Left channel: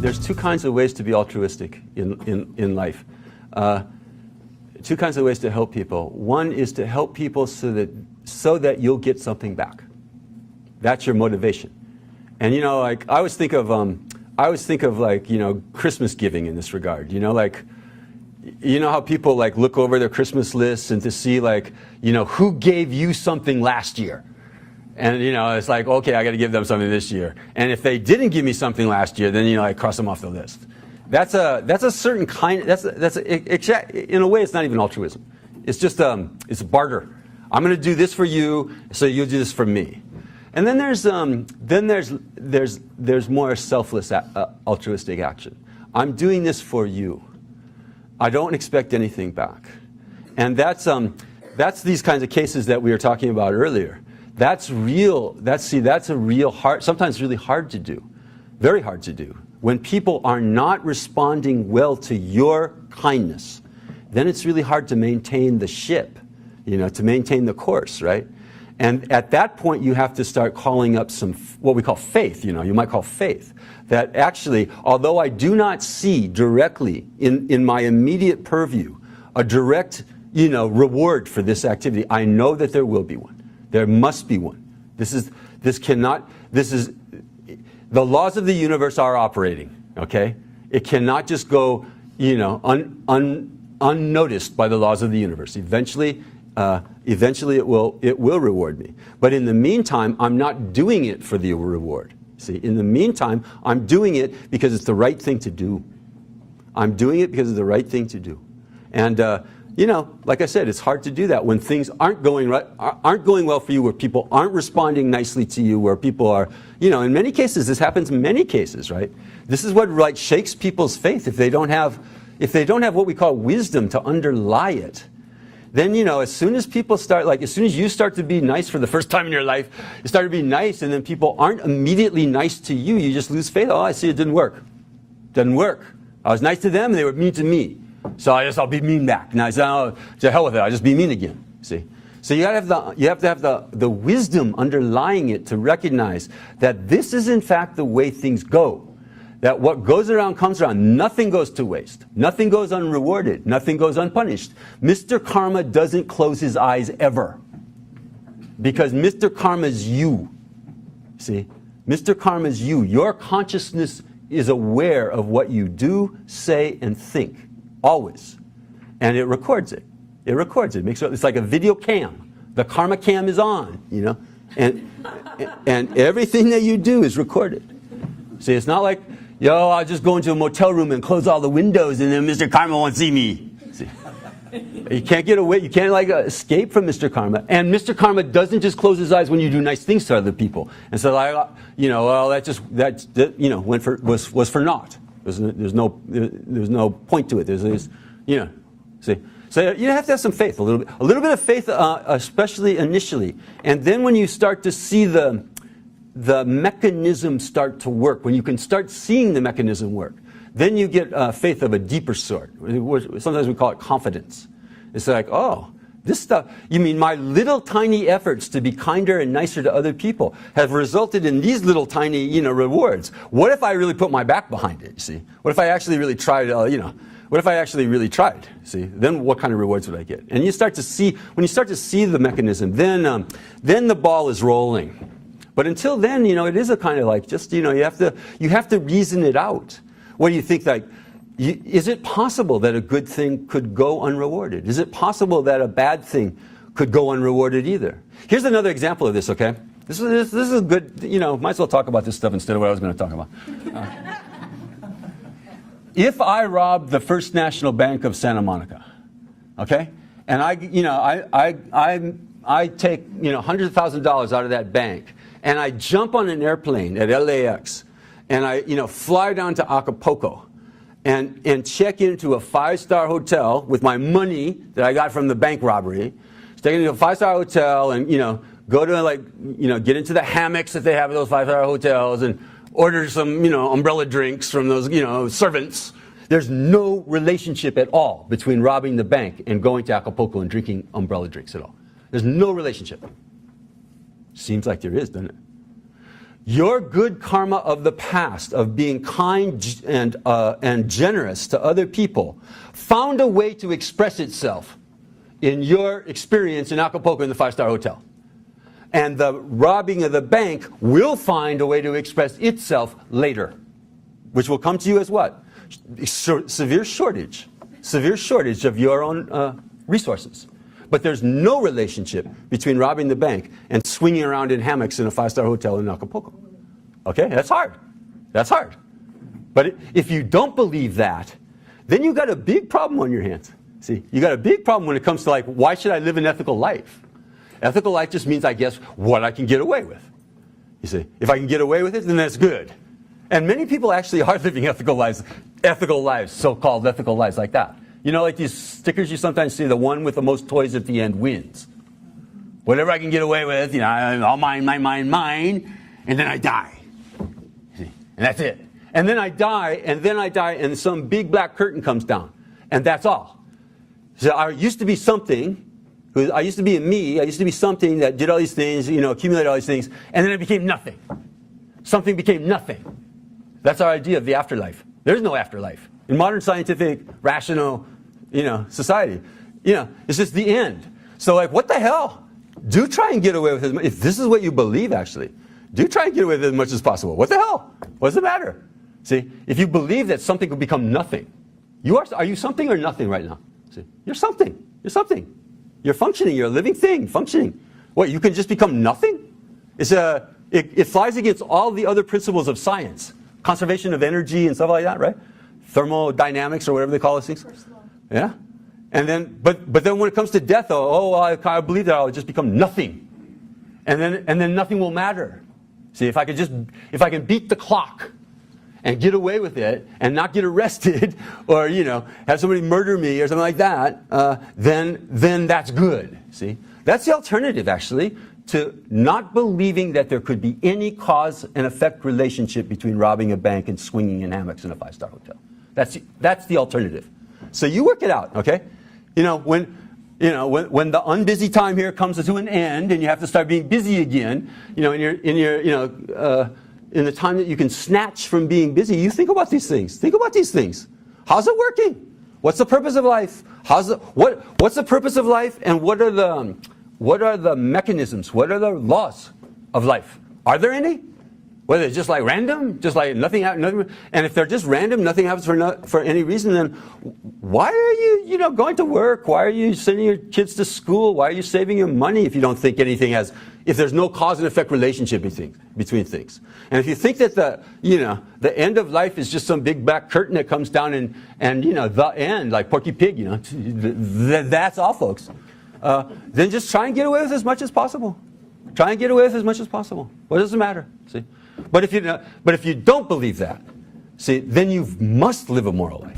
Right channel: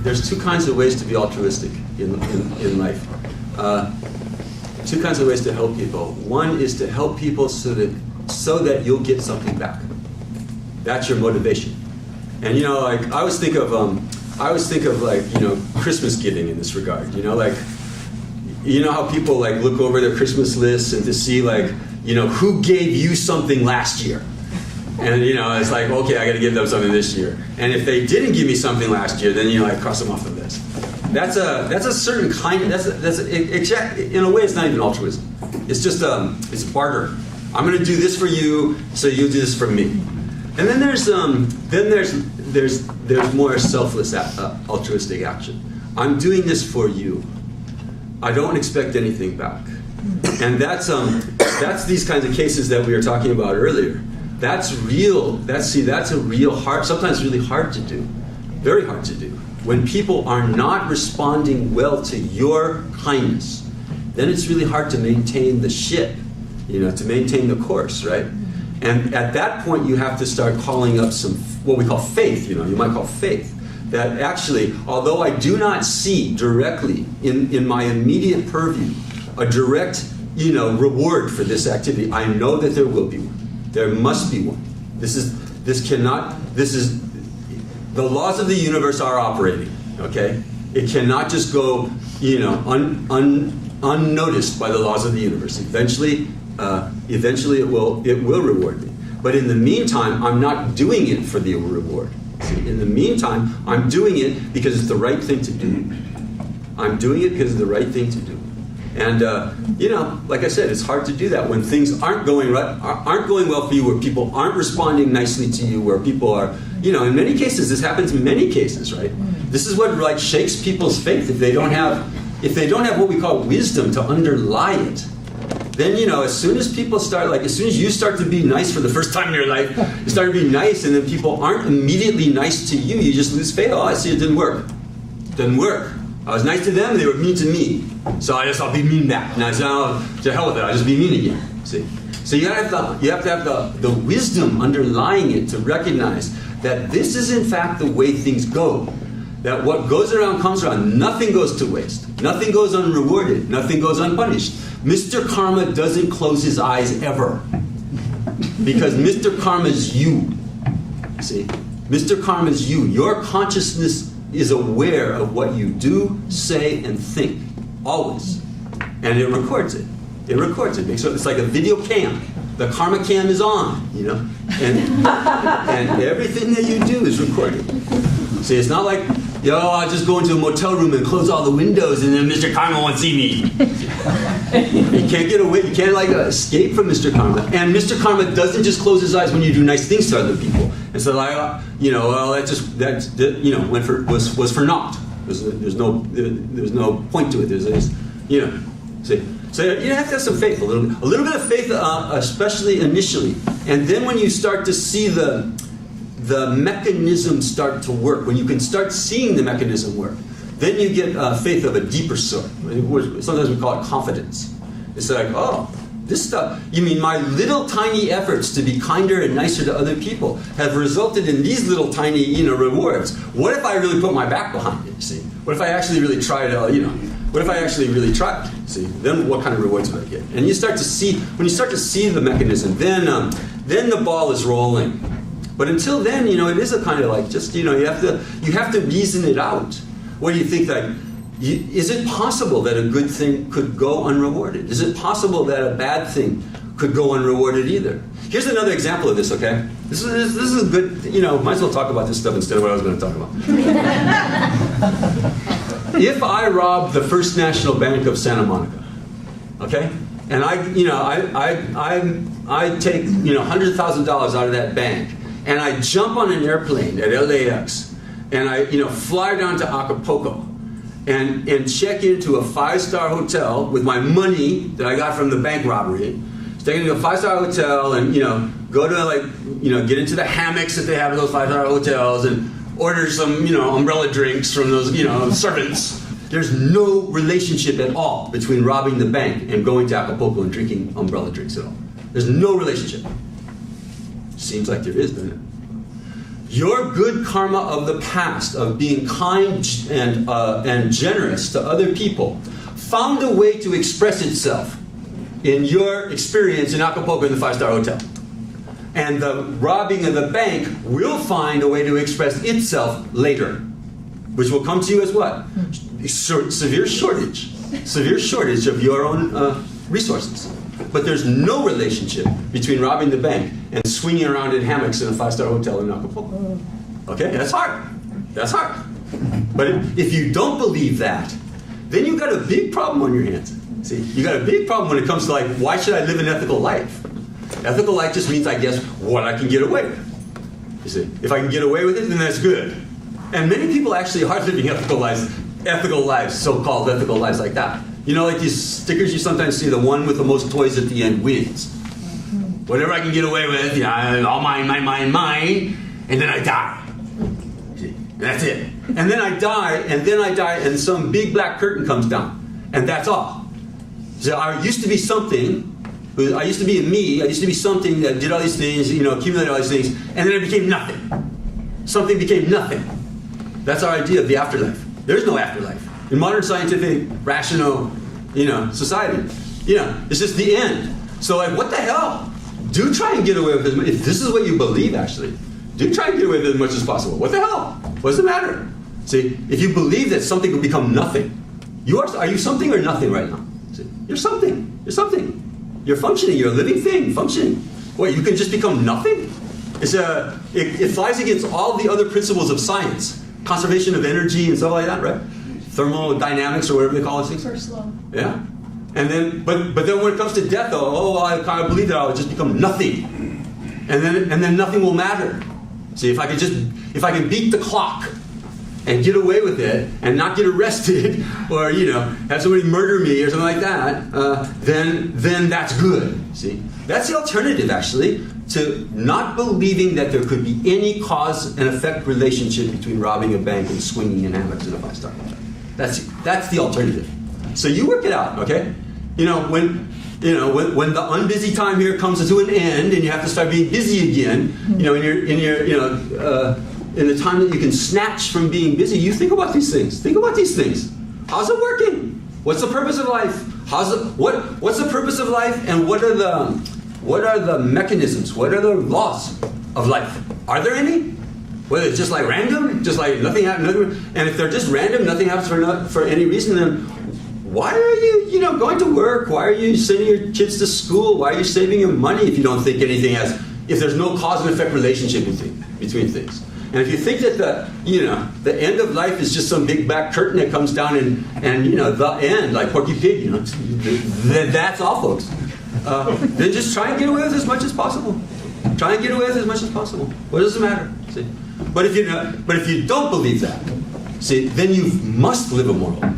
there's two kinds of ways to be altruistic in life. Two kinds of ways to help people. One is to help people so that you'll get something back. That's your motivation. And you know, like I always think of like, you know, Christmas giving in this regard. You know, like, you know how people like look over their Christmas lists and to see like, you know, who gave you something last year. And you know, it's like, okay, I got to give them something this year. And if they didn't give me something last year, then you know, I cross them off the list. That's a certain kind. In a way, it's not even altruism. It's just it's barter. I'm going to do this for you, so you do this for me. And then there's more selfless altruistic action. I'm doing this for you. I don't expect anything back. And that's these kinds of cases that we were talking about earlier. That's real. That's a real hard, sometimes really hard to do, very hard to do. When people are not responding well to your kindness, then it's really hard to maintain the ship, you know, to maintain the course, right? And at that point, you have to start calling up some, what we call faith, you know, you might call faith. That actually, although I do not see directly in my immediate purview a direct, you know, reward for this activity, I know that there will be one. There must be one. The laws of the universe are operating, okay? It cannot just go, you know, unnoticed by the laws of the universe. Eventually it will reward me. But in the meantime, I'm not doing it for the reward. See, in the meantime, I'm doing it because it's the right thing to do. I'm doing it because it's the right thing to do. And you know, like I said, it's hard to do that when things aren't going well for you, where people aren't responding nicely to you, where people are, you know, in many cases, this happens in many cases, right? This is what like shakes people's faith if they don't have what we call wisdom to underlie it. Then, you know, as soon as people start, like as soon as you start to be nice for the first time in your life, you start to be nice, and then people aren't immediately nice to you, you just lose faith. Oh, I see, it didn't work. Doesn't work. I was nice to them, they were mean to me. So I'll be mean back. And I said, oh, to hell with it, I'll just be mean again. See? So you have to have the wisdom underlying it to recognize that this is in fact the way things go. That what goes around comes around. Nothing goes to waste. Nothing goes unrewarded. Nothing goes unpunished. Mr. Karma doesn't close his eyes ever. Because Mr. Karma is you. See? Mr. Karma is you. Your consciousness is aware of what you do, say, and think. Always. And it records it. It records it. So it's like a video cam. The karma cam is on, you know? And everything that you do is recorded. See, it's not like, yo, I'll just go into a motel room and close all the windows and then Mr. Karma won't see me. You can't get away. You can't like escape from Mr. Karma. And Mr. Karma doesn't just close his eyes when you do nice things to other people. And so, you know, well, that you know, was for naught. There's no point to it. There's you know, see. So you have to have some faith, a little bit of faith, especially initially, and then when you start to see the mechanism start to work, when you can start seeing the mechanism work, then you get faith of a deeper sort. Sometimes we call it confidence. It's like, oh, this stuff, you mean my little tiny efforts to be kinder and nicer to other people have resulted in these little tiny, you know, rewards. What if I really put my back behind it, see? What if I actually really try to, you know, what if I actually really try, see? Then what kind of rewards do I get? And you start to see, when you start to see the mechanism, then the ball is rolling. But until then, you know, it is a kind of like, just, you know, you have to reason it out. What do you think, like, is it possible that a good thing could go unrewarded? Is it possible that a bad thing could go unrewarded either? Here's another example of this, okay? This is good, you know, might as well talk about this stuff instead of what I was going to talk about. If I rob the First National Bank of Santa Monica, okay? And I take, you know, $100,000 out of that bank, and I jump on an airplane at LAX, and I, you know, fly down to Acapulco, and check into a 5-star hotel with my money that I got from the bank robbery. Check into a 5-star hotel, and, you know, go to, like, you know, get into the hammocks that they have at those 5-star hotels, and order some, you know, umbrella drinks from those, you know, servants. There's no relationship at all between robbing the bank and going to Acapulco and drinking umbrella drinks at all. There's no relationship. Seems like there is, doesn't it? your good karma of the past, of being kind and generous to other people, found a way to express itself in your experience in Acapulco in the 5-star hotel. And the robbing of the bank will find a way to express itself later, which will come to you as what? Severe shortage of your own resources. But there's no relationship between robbing the bank and swinging around in hammocks in a 5-star hotel in Acapulco. Okay, that's hard. That's hard. But if you don't believe that, then you've got a big problem on your hands. See, you got a big problem when it comes to, like, why should I live an ethical life? Ethical life just means, I guess, what I can get away with. You see, if I can get away with it, then that's good. And many people actually are living ethical lives, so-called ethical lives like that. You know, like these stickers you sometimes see, the one with the most toys at the end wins. Whatever I can get away with, you know, all mine, and then I die. See? And that's it. And then I die, and some big black curtain comes down. And that's all. So I used to be something, I used to be a me, I used to be something that did all these things, you know, accumulated all these things, and then it became nothing. Something became nothing. That's our idea of the afterlife. There's no afterlife. In modern scientific, rational, you know, society, you know, it's just the end. So, like, what the hell? Do try and get away with it. If this is what you believe, actually, do try and get away with it as much as possible. What the hell? What does it matter? See, if you believe that something will become nothing, are you something or nothing right now? See, you're something. You're something. You're functioning. You're a living thing, functioning. What, you can just become nothing? It flies against all the other principles of science. Conservation of energy and stuff like that, right? Thermodynamics or whatever they call it. First law. Yeah. And then, but then when it comes to death, though, I believe that I'll just become nothing, and then nothing will matter. See, if I can beat the clock and get away with it and not get arrested, or, you know, have somebody murder me or something like that, then that's good. See, that's the alternative, actually, to not believing that there could be any cause and effect relationship between robbing a bank and swinging in hammocks in a 5-star hotel. That's the alternative. So you work it out, okay? You know, when the unbusy time here comes to an end and you have to start being busy again, you know, in the time that you can snatch from being busy, you think about these things. Think about these things. How's it working? What's the purpose of life? What's the purpose of life? And what are the mechanisms? What are the laws of life? Are there any? Whether it's just like random, just like nothing happens, and if they're just random, nothing happens for any reason, then why are you going to work? Why are you sending your kids to school? Why are you saving your money if you don't think anything if there's no cause and effect relationship between things? And if you think that the end of life is just some big black curtain that comes down and you know, the end, like Porky Pig, you know, that's all, folks. Then just try and get away with as much as possible. Try and get away with as much as possible. What does it matter? See? But if you don't believe that, see, then you must live a moral life.